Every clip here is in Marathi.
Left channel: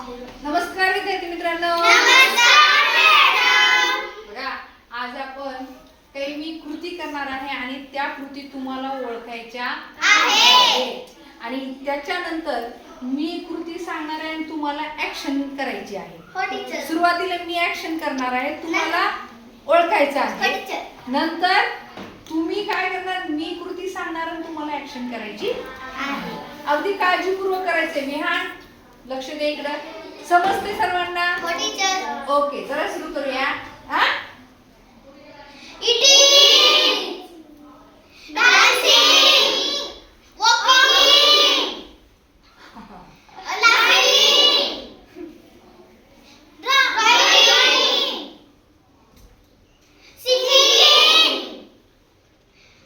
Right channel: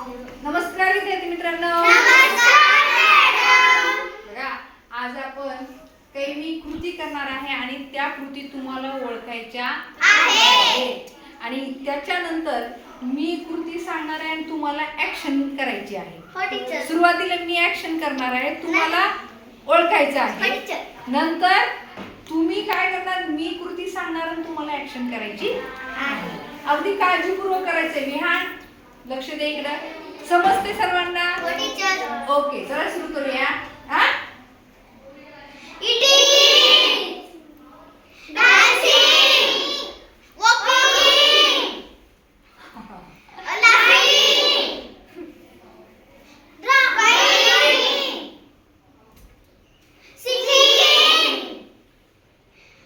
नमस्कार विद्यार्थी मित्रांनो. बघा, आज आपण काही मी कृती करणार आहे आणि त्या कृती तुम्हाला ओळखायच्या आहेत आणि त्याच्यानंतर मी कृती सांगणार आहे आणि तुम्हाला ऍक्शन करायची आहे. सुरुवातीला मी ऍक्शन करणार आहे, तुम्हाला ओळखायचं आहे. नंतर तुम्ही काय करणार, मी कृती सांगणार आणि तुम्हाला ऍक्शन करायची आहे. अगदी काळजीपूर्वक करायचंय. विहान लक्ष दे इकडे. समजते सर्वांना? ओके, चला सुरू करूया. हा, eating, dancing, walking, laughing, driving, singing,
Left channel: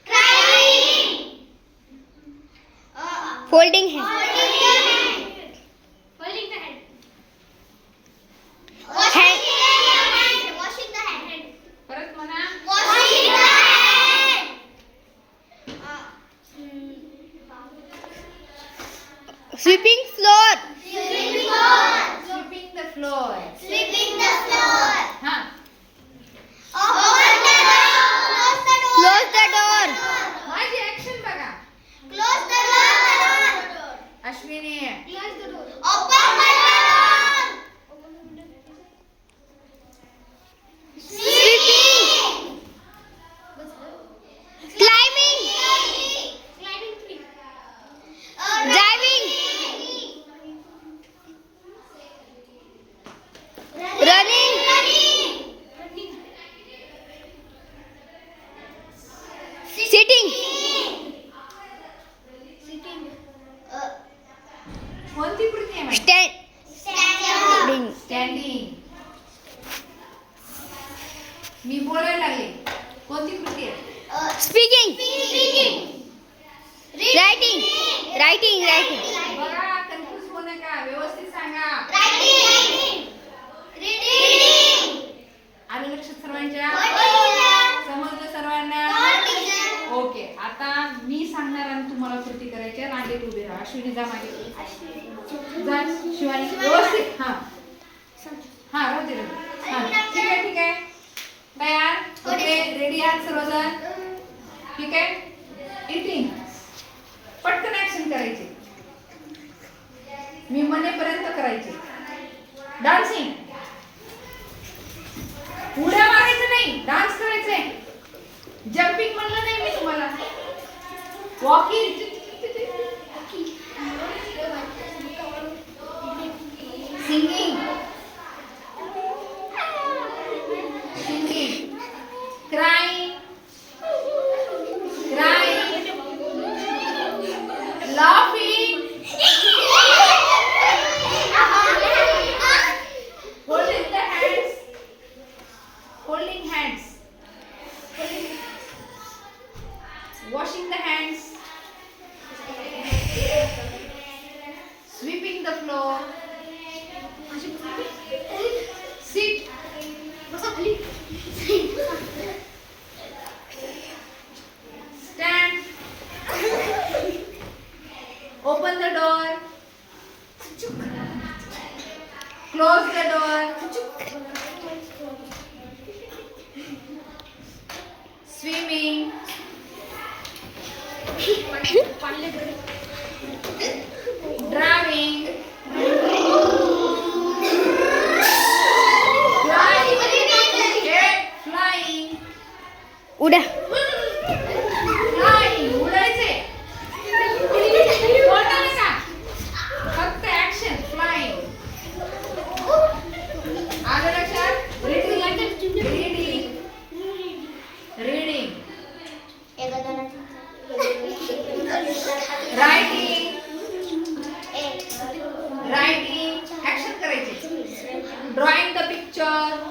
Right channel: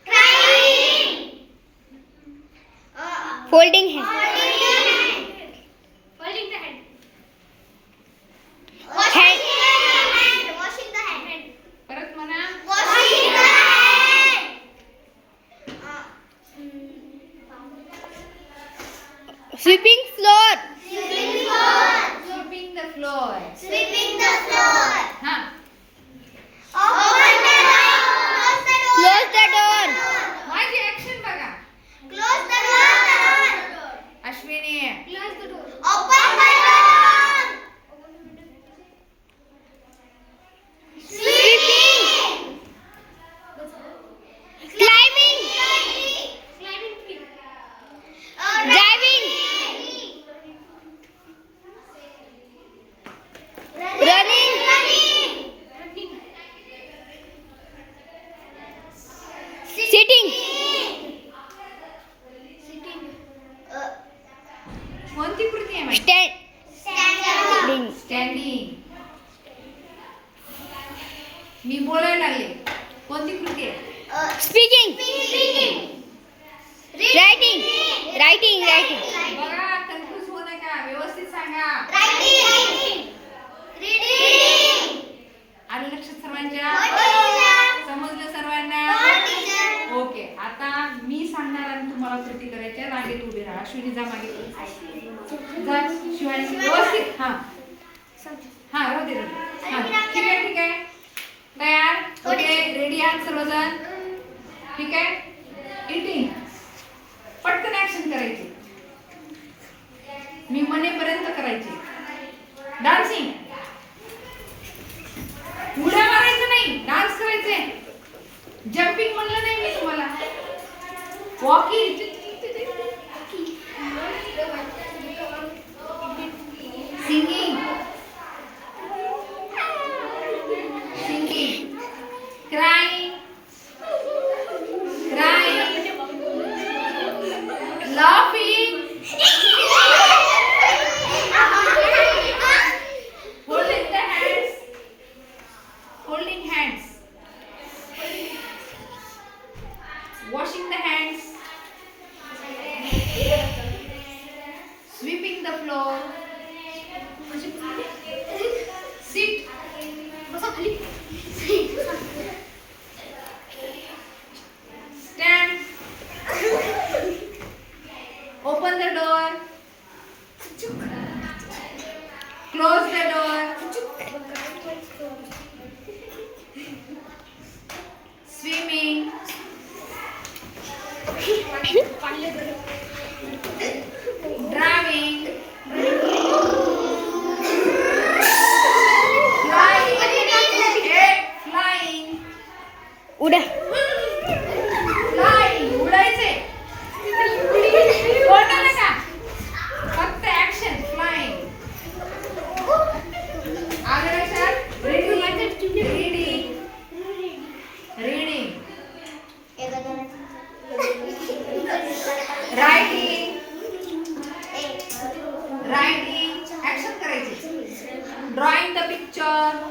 crying, folding hand, washing the hand, परत म्हणा. washing the hand, sweeping floor, sweeping floor, Sweeping the floor. sweeping the floor, हा, open the door, close the door, माझी ऍक्शन बघा. close the door, Ashwini, close the door, open the door, sweeping, climbing, driving, running, sitting, कोणती कृती आहे माझी? standing, standing. मी बोलायला लागले. कोणती कृती आहे? speaking, writing, writing, बघा, कन्फ्यूज होऊ नका, व्यवस्थित सांगा. आलं लक्षात सर्वांच्या? समजलं सर्वांना? ओके, आता मी सांगणार आणि तुम्हाला कृती करायची आहे. रांगेत उभे राहा. अश्विनी जा मागे. जा शिवानी, व्यवस्थित. हा हा, राहू दे. हा, ठीक आहे, ठीक आहे. तयार? ओके, रेडी आहात सर्वजण? ठीक आहे. इटिंग, पटकन ऍक्शन करायची. मी म्हणेपर्यंत करायची. डान्सिंग, उड्या मारायचं नाही, डान्स करायचे. जम्पिंग म्हणलं नाही मी तुम्हाला. Walking, singing, crying, laughing, holding hands, washing the hands, sweeping the floor, sit, stand, open the door, close the door, swimming, driving, flying, उड्या, flying, उडायचे. बोलता नका, फक्त ऍक्शन. फ्लाइंग, आलं लक्षात? रीडिंग, रायटिंग, ऍक्शन करायचे. Drawing the picture.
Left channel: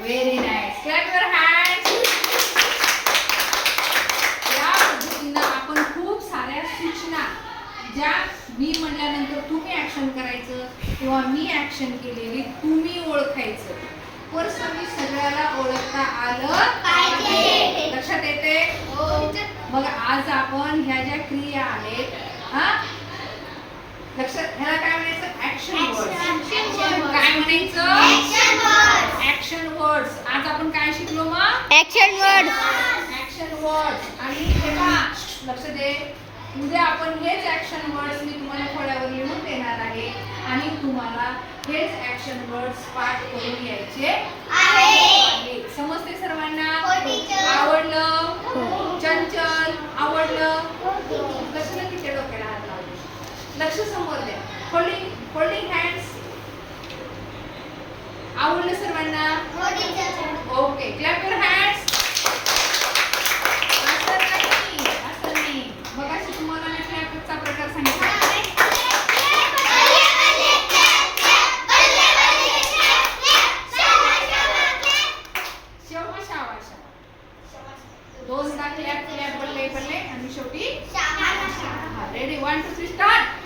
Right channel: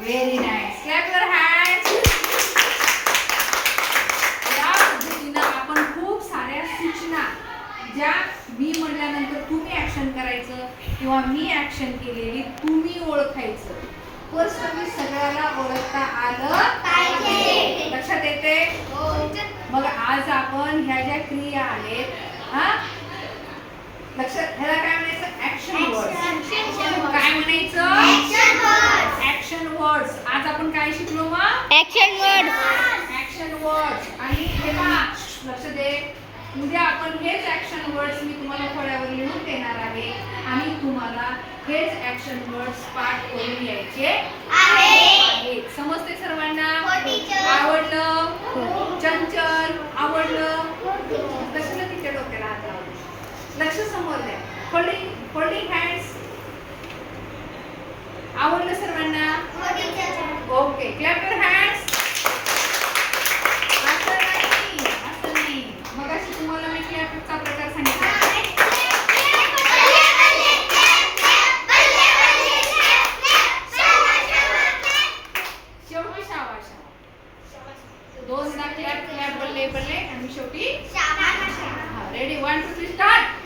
Very nice. Clap your hands. या पद्धतीनं आपण खूप साऱ्या सूचना ज्या मी म्हणल्यानंतर तुम्ही ऍक्शन करायचं किंवा मी ऍक्शन केलेली तुम्ही ओळखायचं. पर्सनली सगळ्याला ओळखता आलं पाहिजे. लक्षात येते? मग आज आपण ह्या ज्या क्रिया आहेत, हा, लक्ष, ह्याला काय म्हणायचं? Action words. Action words. काय म्हणायचं? Action words. Action words. आज आपण काय शिकलो मग? Action word. Action words. आणि पुन्हा लक्ष दे, उद्या आपण हेच ऍक्शन वर्ड्स मी तुम्हाला फळ्यावर लिहून देणार आहे आणि तुम्हाला हेच ऍक्शन वर्ड्स पाठ करून यायचे आहेत. समजते सर्वांना? हो, teacher. आवडलं? हो. चंचल आवडलं? कशाला तिच्या डोक्याला हात लावले? लक्ष समोर द्या. Holding hands. आवडलं सर्वांना? हो, teacher. Okay, clap your hands. असं नाही. मग अशी तुम्हाला मी क्लॅपचा प्रकार सांगितला. शेवटी शावा शावा. दोनदा क्लॅप क्लॅप बल्ले बल्ले आणि शेवटी हा. Ready 1 2 3 start.